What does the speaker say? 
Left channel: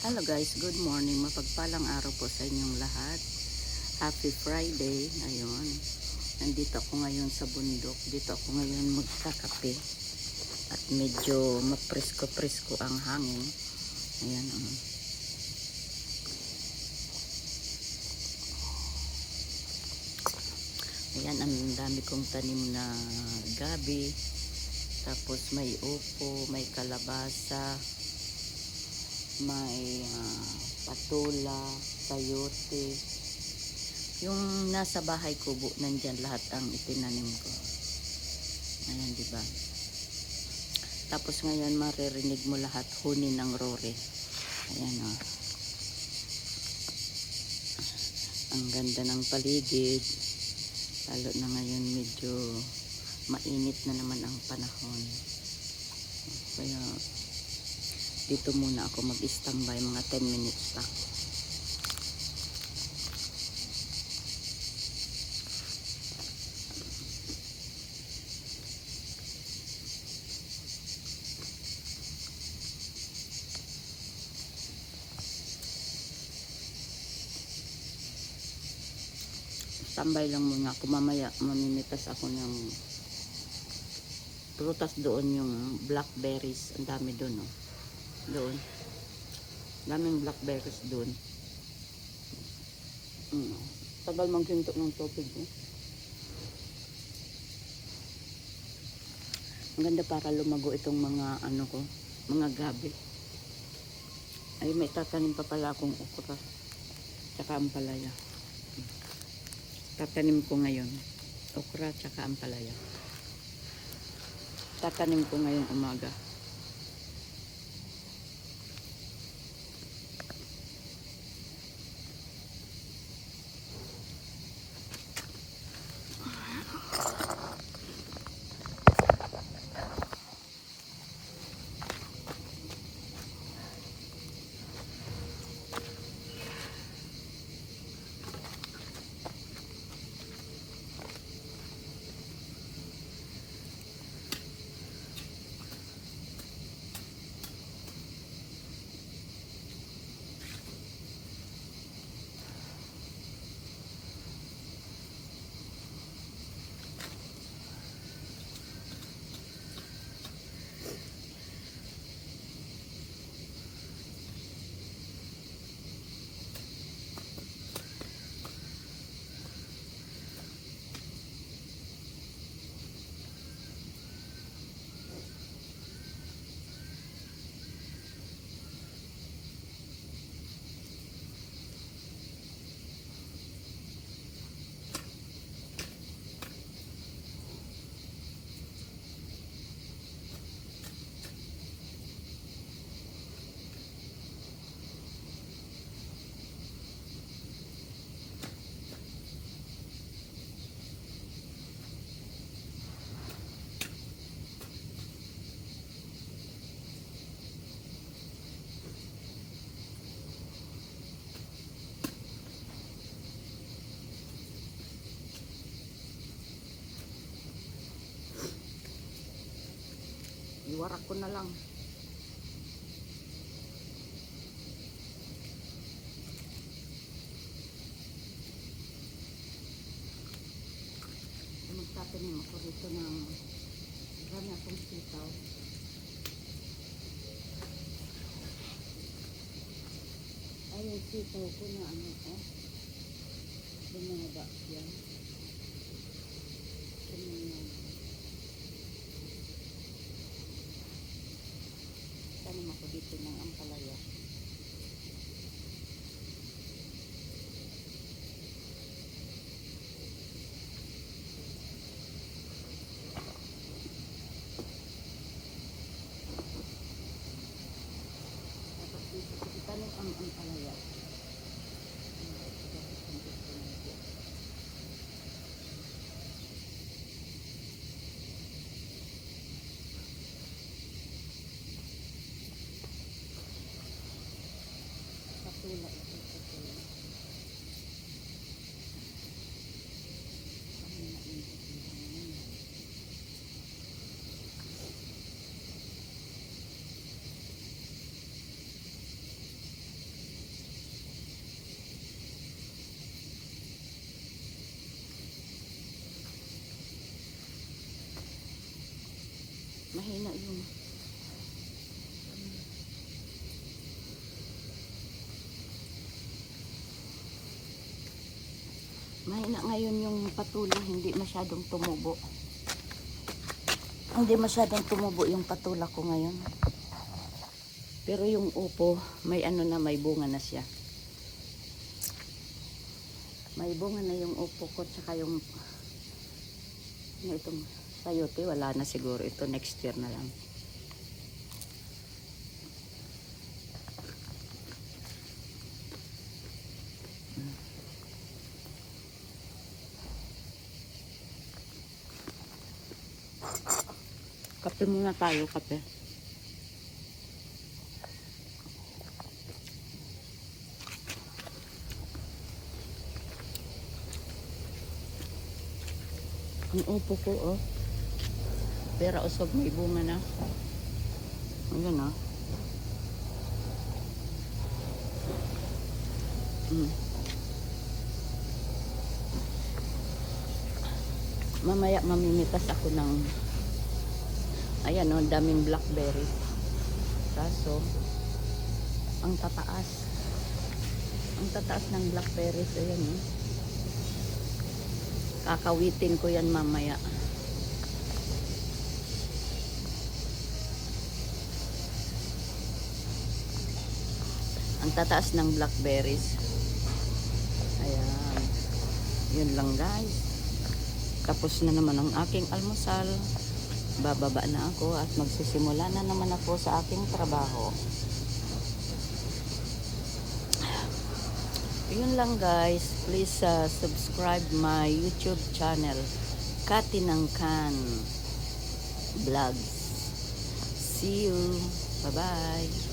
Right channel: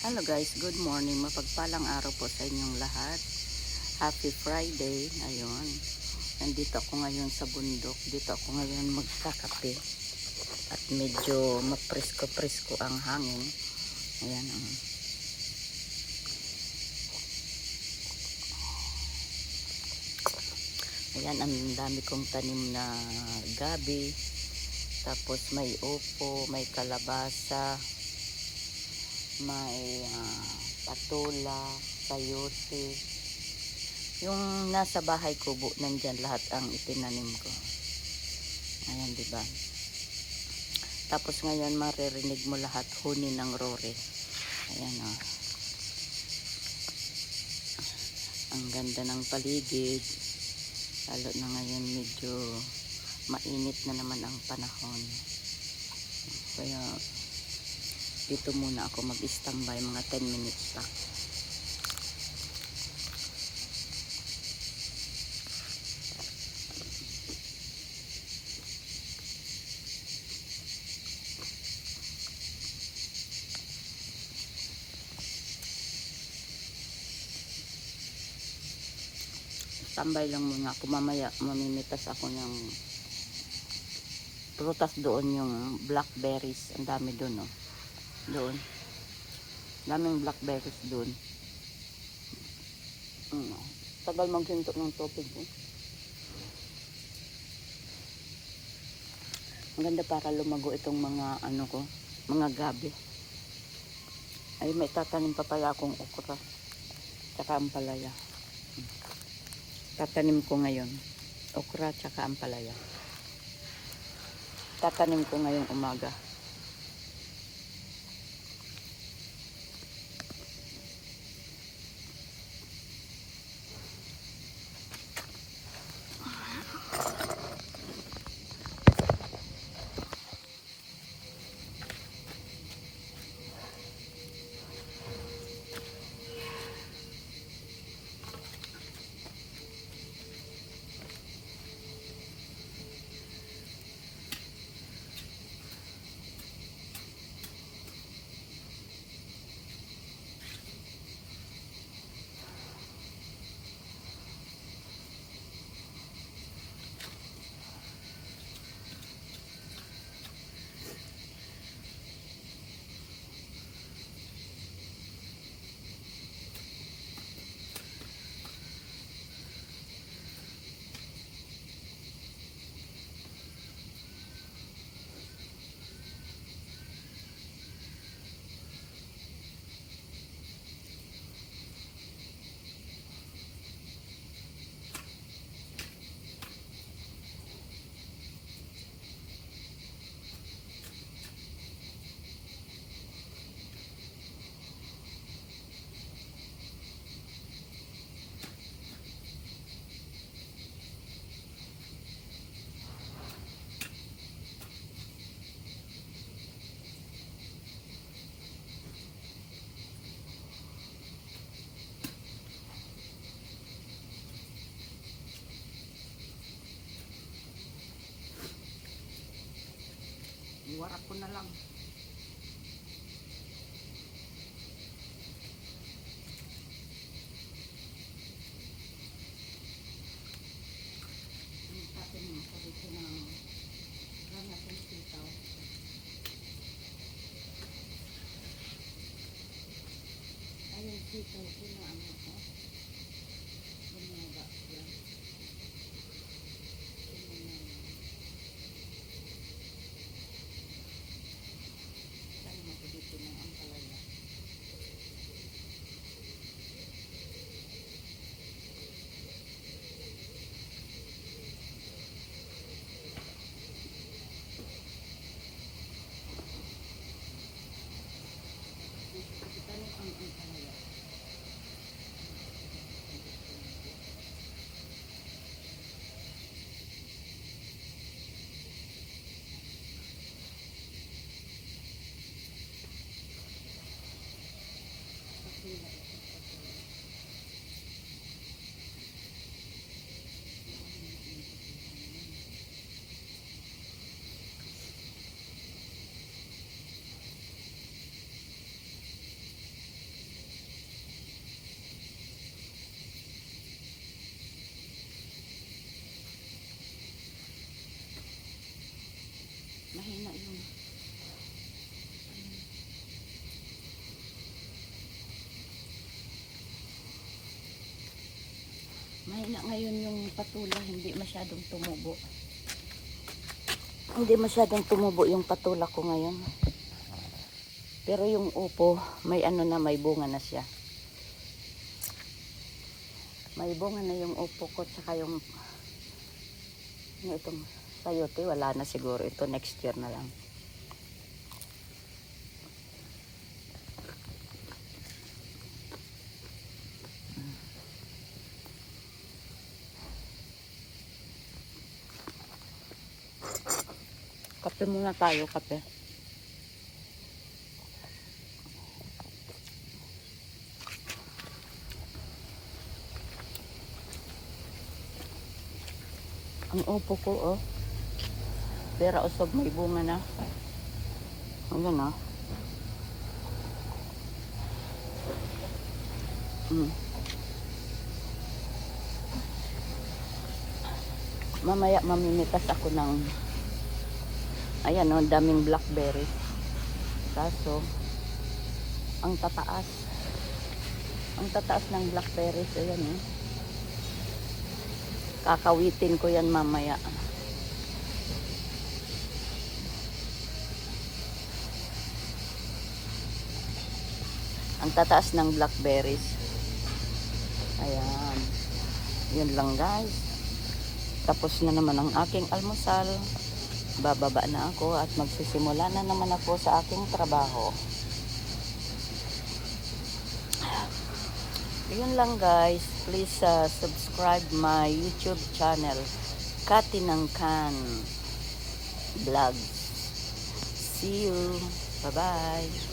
Hello guys, good morning. Mapagpalang araw po sa inyong lahat. Happy Friday. Ayun. Nandito ako ngayon sa bundok. Dito ako ngayon magkakape. At medyo mapresko-presko ang hangin. Ayan. Ayan, ang dami kong tanim na gabi. Tapos may upo, may kalabasa, may patula, sayote. Yung nasa bahay kubo, nandyan lahat ang itinanim ko. Ayan, diba? Tapos ngayon maririnig mo lahat huni ng rore. Ayan, oh. Ang ganda ng paligid. Lalo na ngayon medyo mainit na naman ang panahon. Kaya dito muna ako mag-standby mga 10 minutes pa. Standby lang muna ako. Mamaya mamimitas ako ng prutas doon, yung blackberries. Ang dami doon, oh. Doon. Daming blackberries doon. Tagal maghinto ng tubig, eh. Ang ganda para lumago itong mga ano ko, mga gabi. Ay, may tatanim pa pala akong okra. Tsaka ampalaya. Tatanim ko ngayon. Okra tsaka ampalaya. Tatanim ko ngayong umaga. Iwarak ko na lang. Magtatanim ako dito ng marami akong sitaw. Ay, yung sitaw ko na ano, oh. Bumaba yan. Tanim ako dito ng ampalaya. Tapos dito ko itanim ang ampalaya. Patula ito, patula. Mahina ngayon yung patula, hindi masyadong tumubo. Hindi masyadong tumubo yung patula ko ngayon. Pero yung upo, may ano na, may bunga na siya. May bunga na yung upo ko, tsaka yung itong sayote, wala na siguro. Ito next year na lang. Kape muna tayo, kape. Ang upo ko, oh. Pera usog, may bunga na. Ayan, oh. Mamaya mamimitas ako ng ayan, oh, daming blackberry. Kaso ang tataas ng blackberries, ayan, eh. Kakawitin ko yan mamaya. Ang tataas ng blackberries. Ayan. Yun lang, guys. Tapos na naman ang aking almusal. Bababa na ako at magsisimula na naman ako sa aking trabaho. Yun lang, guys. Please subscribe my YouTube channel, Katinangkan Vlogs. See you. Bye-bye.